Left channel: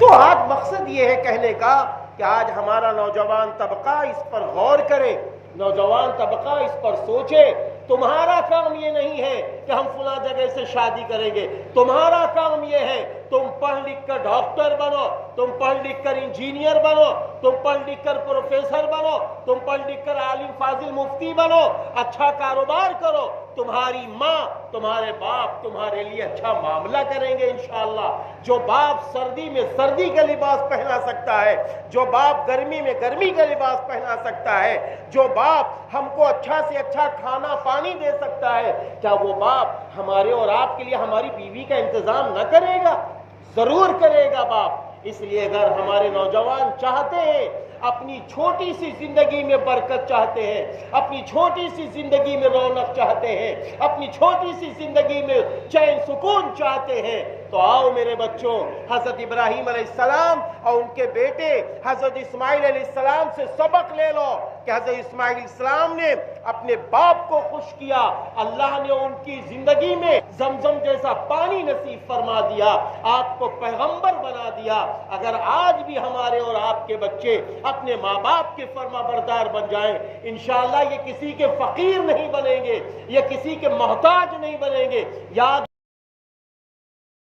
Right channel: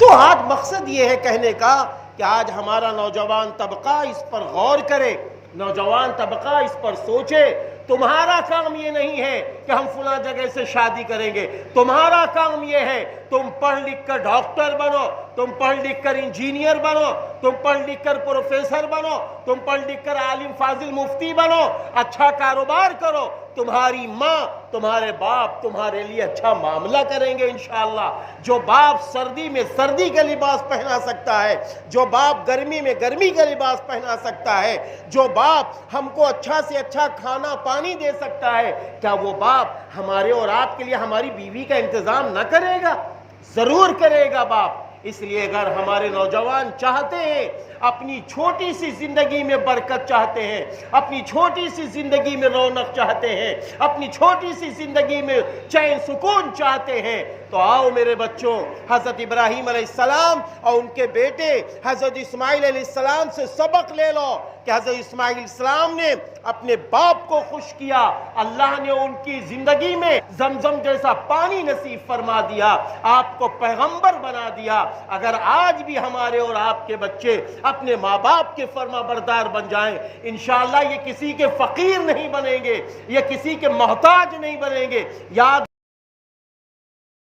تو آج مقصد یہ ہے کہنے کا کہ آج ہمارا نوجوان طبقہ اس پر غور کرے، نوجوان طبقہ اس پر سوچے۔ تمہارا کام یہ نہیں ہے کہ ہم فلاں جگہ سے شادی کریں گے، تمہارا کام یہ ہے تم پڑھ لکھ کر ڈاکٹر بنو، تم پڑھ لکھ کر انجینئر بنو، تم پڑھ لکھ کر پروفیسر بنو، تم پڑھ لکھ کر عالم فاضل مفتی بنو، اچھا کاروبار کرو، تمہاری ماں تمہارے باپ تمہارے لیے اچھا معاملہ کریں گے انشاءاللہ۔ جو باپ سردی میں سردی کا لباس پہنا سکتا ہے، جو باپ گرمی میں گرمی کا لباس پہنا سکتا ہے، جو باپ ہم کو اچھا سے اچھا کھانا پانی دے سکتا ہے، کیا وہ باپ ہمارے اور آپ کے لیے ہماری بیوی کا انتظام نہ کرے گا؟ ضرور کرے گا باپ۔ اس لیے اگر ہمارے نوجوان چاہتے ہیں، اپنی چھوٹی سی زندگی میں برکت چاہتے ہیں، اپنی چھوٹی سی زندگی میں رونق چاہتے ہیں، اپنی چھوٹی سی زندگی میں چین سکون چاہتے ہیں، تو آؤ میرے بچوں، حضرت ابراہیم علیہ السلام اور ان کے بیٹے حضرت اسماعیل علیہ السلام سے سبق لے لو کہ حضرت اسماعیل علیہ السلام نے اپنے باپ کو خوش کیا، اللہ نے ان کی زندگی میں زمزم جیسا پانی نصیب فرما دیا، آپ کو پیغمبر بنا دیا۔ اگر آج بھی ہمارے اور آپ کے بچے اپنے ماں باپ کے فرما بردار بن جائیں، انشاءاللہ یہ کسی کے فقیر نہیں بنیں گے، یہ کسی کے محتاج نہیں بنیں گے۔ یاد